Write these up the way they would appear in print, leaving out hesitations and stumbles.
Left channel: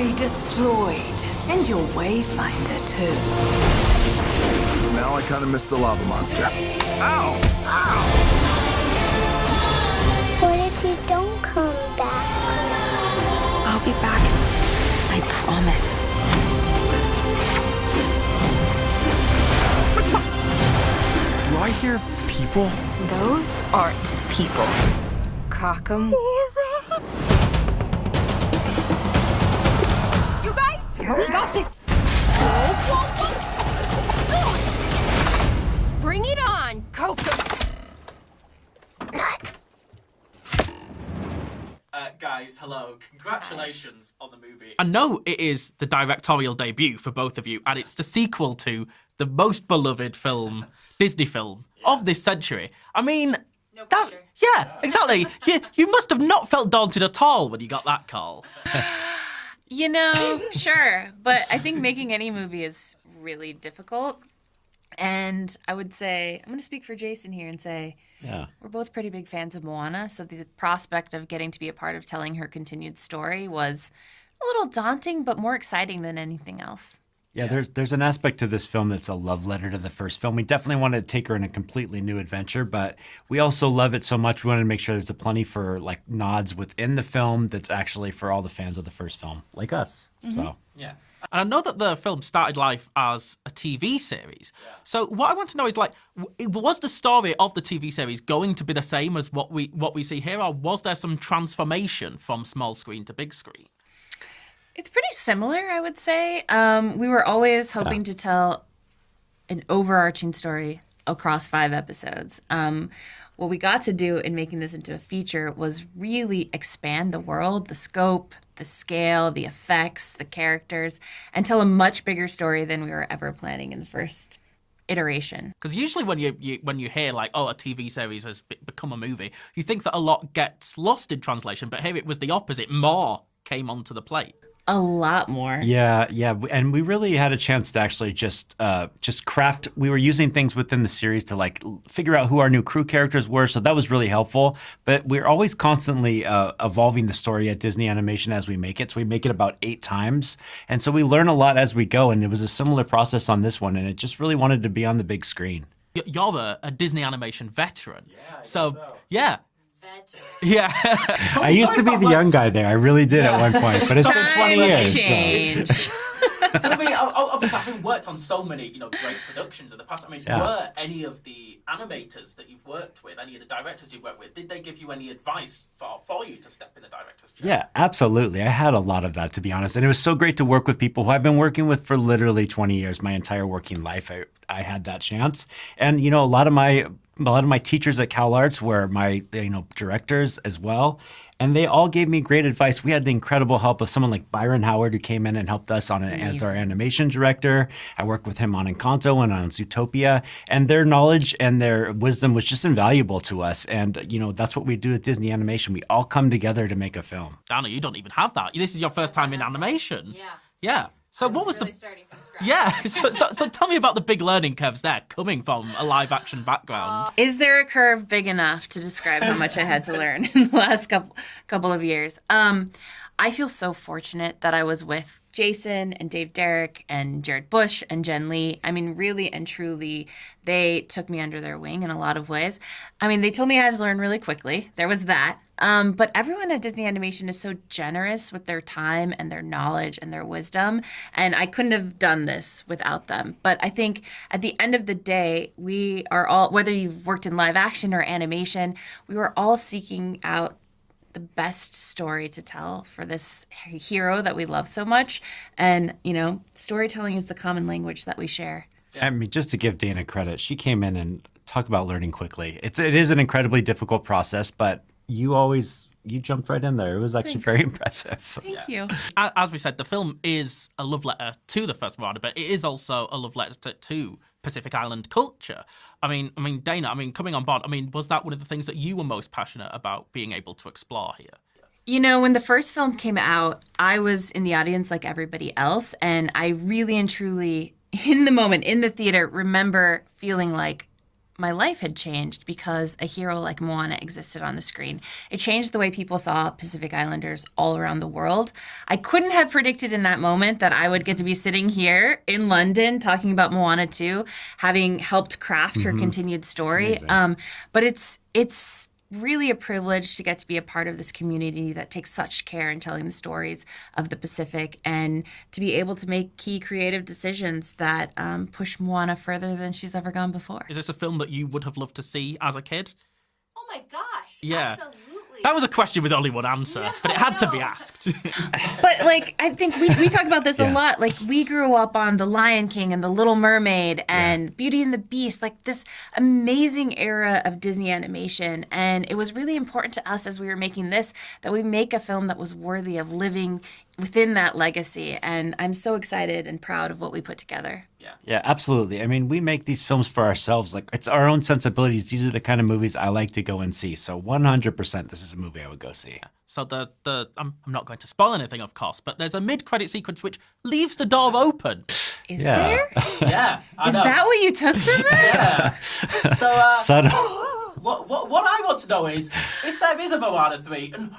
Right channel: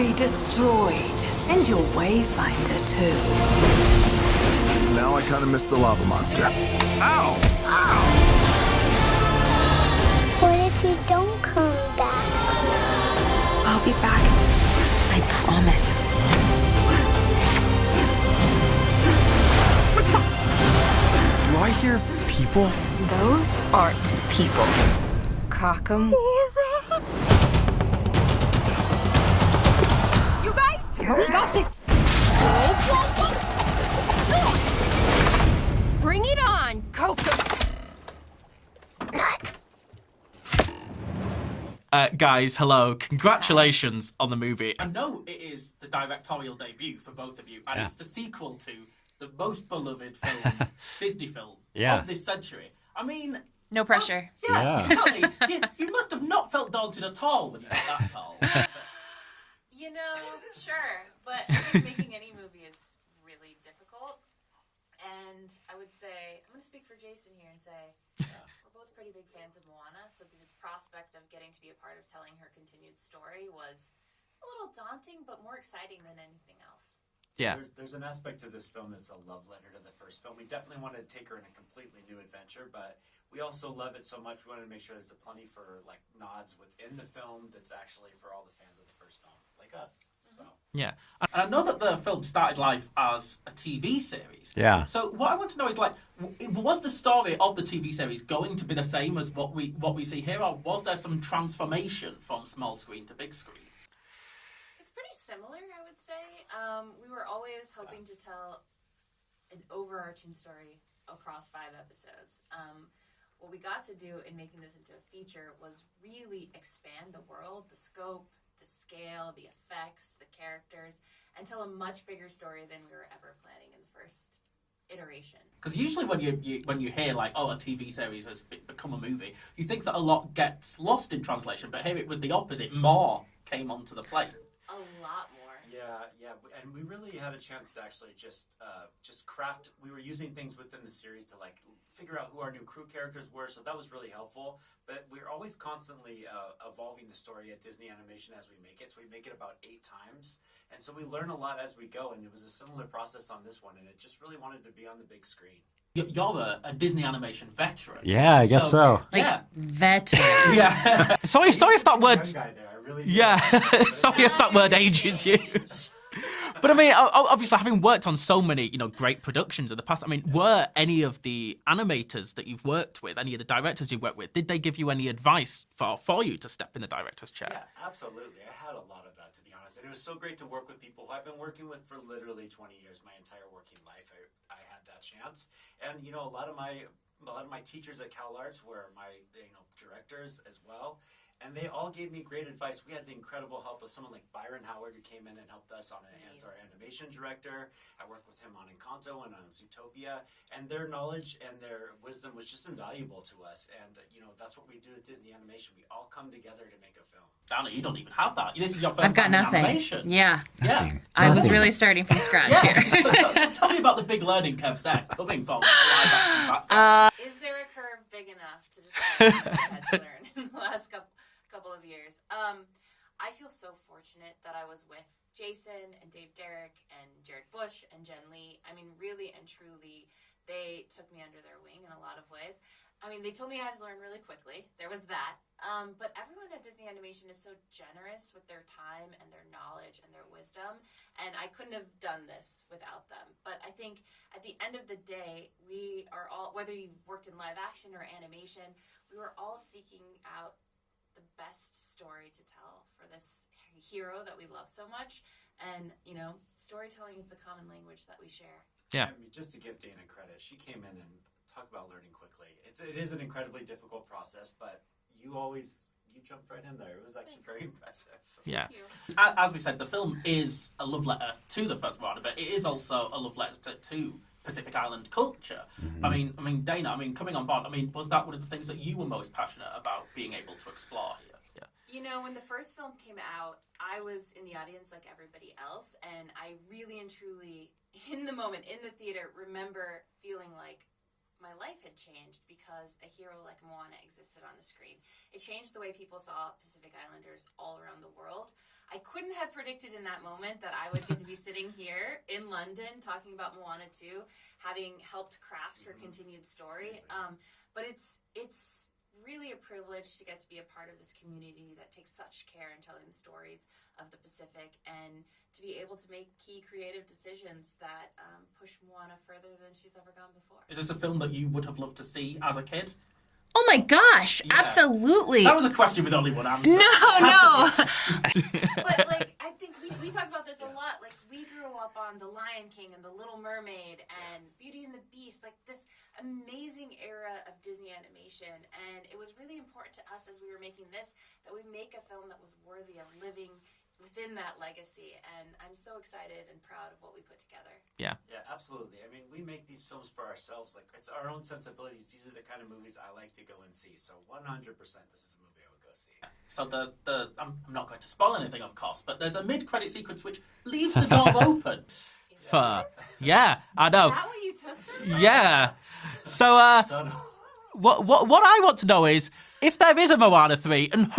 be destroyed. And your wayfinder, too. Now I kind of miss the lava monster. Ow! Ow! What if you don't come back? I'll be back. I promise. Do I hear people? Those aren't people. Cock 'em. You guys, we got this. Bring it on, Coco. Nuts. Guys, hello. Congratulations on the movie. I know it is the directorial debut for both of you, and it's the sequel to the most beloved film, Disney film of this century. I mean... No pressure. Exactly. You must have not felt daunted at all when you got that call. You know, sure. But I think making any movie is really difficult. And I would say, I'm going to speak for Jason here and say, we're both pretty big fans of Moana. So the prospect of getting to be a part of telling her continued story was a little daunting, but more exciting than anything else. Yeah, there's an aspect to this film that's a love letter to the first film. We definitely wanted to take her in a completely new adventure, but we also love it so much. We wanted to make sure there's a plenty for like nods within the film that's actually for all the fans of the first film, like us. So yeah, and I know that the film started life as a TV series. Yeah. So what I want to know is like, was the story of the TV series going to be the same as what we see here, or was there some transformation from small screen to big screen? It's pretty similar, I would say. We were always hoping to tell an overarching story across 5 episodes. What we got to do in making this into a feature was really expand the world, the scope, the scale, the effects, the characters, and tell a much bigger story than we were ever planning in the first iteration. Because usually when you hear like, oh, a TV series has become a movie, you think that a lot gets lost in translation, but here it was the opposite. More came onto the plate. A lot more. Yeah, and we really had a chance to actually just craft. We were using things within the series to like figure out who our new crew characters were, so that was really helpful. But we're always constantly evolving the story at Disney Animation as we make it. So we make it about 8 times, and so we learn a lot as we go. And it was a similar process on this one, and it just really wanted to be on the big screen. You're a Disney animation veteran. Yeah, I guess so. Yeah. Veteran. Yeah. I used to be the young guy there. I really did at one point. But it's changed. But I mean, obviously, having worked on so many, great productions in the past, I mean, were any of the animators that you've worked with, any of the directors you've worked with, did they give you any advice for you to step in the director's chair? Yeah, absolutely. I had a lot of that, to be honest. And it was so great to work with people who I've been working with for literally 20 years, my entire working life. I had that chance. And, a lot of my teachers at CalArts were my, directors as well. And they all gave me great advice. We had the incredible help of someone like Byron Howard, who came in and helped us on it as our animation director. I worked with him on Encanto and on Zootopia. And their knowledge and their wisdom was just invaluable to us. And, that's what we do at Disney Animation. We all come together to make a film. Dana, you don't even have that. This is your first time in animation. Yeah. Yeah. So I was really starting from scratch. Yeah. so tell me about the big learning curves there, coming from a live action background. Is there a curve big enough to describe how much I had to learn in the last couple of years? I feel so fortunate that I was with Jason and Dave Derrick and Jared Bush and Jen Lee. I mean, really and truly, they took me under their wing in a lot of ways. I mean, they told me I had to learn really quickly. There was that. But everyone at Disney Animation is so generous with their time and their knowledge and their wisdom. And I couldn't have done this without them. But I think at the end of the day, we are all, whether you've worked in live action or animation, we were all seeking out the best story to tell for this hero that we love so much. And, storytelling is the common language that we share. Yeah. I mean, just to give Dana credit, she came in and talked about learning quickly. It is an incredibly difficult process, but you jumped right in there. It was actually very impressive. Thank you. As we said, the film is a love letter to the first Moana, but it is also a love letter to Pacific Island culture. Mm-hmm. I mean, Dana, coming on board, was that one of the things that you were most passionate about being able to explore here? Yeah. When the first film came out, I was in the audience like everybody else, and I really and truly, in the moment, in the theater, remember feeling like my life had changed because a hero like Moana existed on the screen. It changed the way people saw Pacific Islanders all around the world. I couldn't have predicted in that moment that I would get to be sitting here in London talking about Moana 2, having helped craft her continued story. But it's really a privilege to get to be a part of this community that takes such care in telling the stories of the Pacific, and to be able to make key creative decisions that push Moana further than she's ever gone before. Is this a film that you would have loved to see as a kid? Oh my gosh, Yeah. absolutely. That was a question with only one answer. No, but it had to be no. asked. But like, I think we talk about this a Yeah. lot. Like, we grew up on The Lion King and The Little Mermaid and Beauty and the Beast, like this amazing era of Disney animation. And it was really important to us as we were making this that we make a film that was worthy of living within that legacy. And I'm so excited and proud of what we put together. Yeah. Yeah, absolutely. I mean, we make these films for ourselves. Like, it's our own sensibilities. These are the kind of movies I like to go and see. So 100% this is a movie I would go see. So I'm not going to spoil anything, of course, but there's a mid-credit sequence which leaves the door open. Is Yeah. there? Yeah, I Is know. that what you took from that? Yeah. So Subtle. what I want to know is if there is a Moana 3, and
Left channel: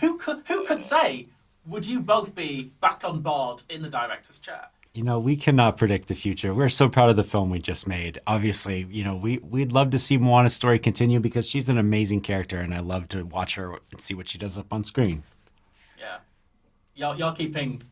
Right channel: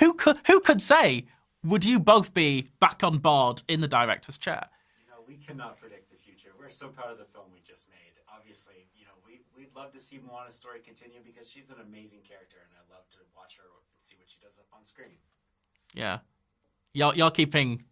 who could say, would you both be back on board in the director's chair? You know, we cannot predict the future. We're so proud of the film we just made. Obviously, you know, we'd love to see Moana's story continue because she's an amazing character, and I love to watch her and see what she does up on screen. Yeah. You're keeping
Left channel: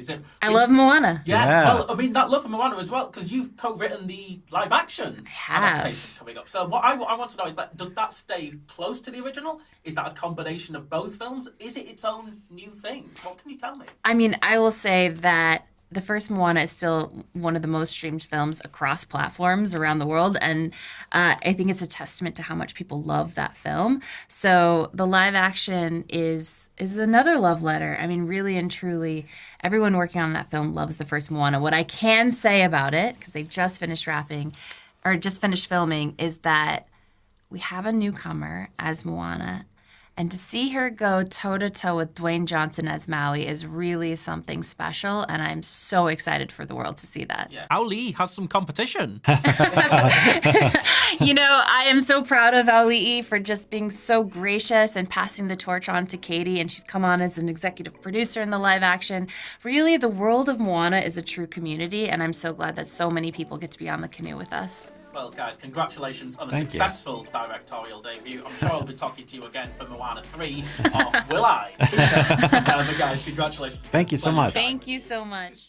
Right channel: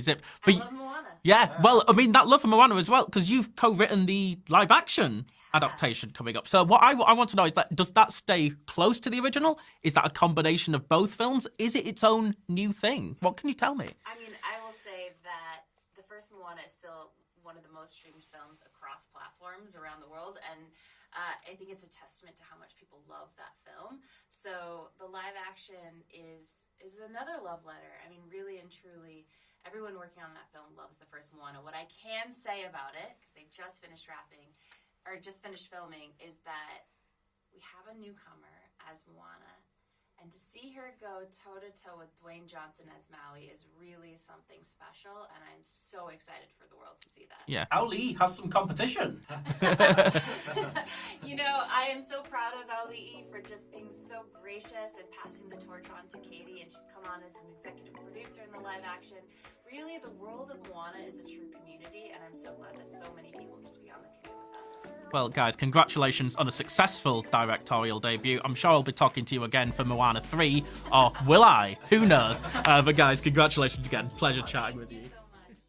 zip. I love Moana. Yeah, Yeah. well, I mean, that love for Moana as well, because you've co-written the live-action have. adaptation coming up. So what I want to know is that, does that stay close to the original? Is that a combination of both films? Is it its own new thing? What can you tell me? I mean, I will say that the first Moana is still one of the most streamed films across platforms around the world, and I think it's a testament to how much people love that film. So the live action is another love letter. I mean, really and truly, everyone working on that film loves the first Moana. What I can say about it, because they just finished filming, is that we have a newcomer as Moana. And to see her go toe-to-toe with Dwayne Johnson as Maui is really something special, and I'm so excited for the world to see that. Yeah, Ao Lee has some competition. You know, I am so proud of Auli'i for just being so gracious and passing the torch on to Katie, and she's come on as an executive producer in the live action. Really, the world of Moana is a true community, and I'm so glad that so many people get to be on the canoe with us. Well, guys, congratulations on a successful directorial debut. I'm sure I'll be talking to you again for Moana 3, or will I? Who knows? But guys, congratulations again. Thank you so Pleasure much. chatting Thank with you so much.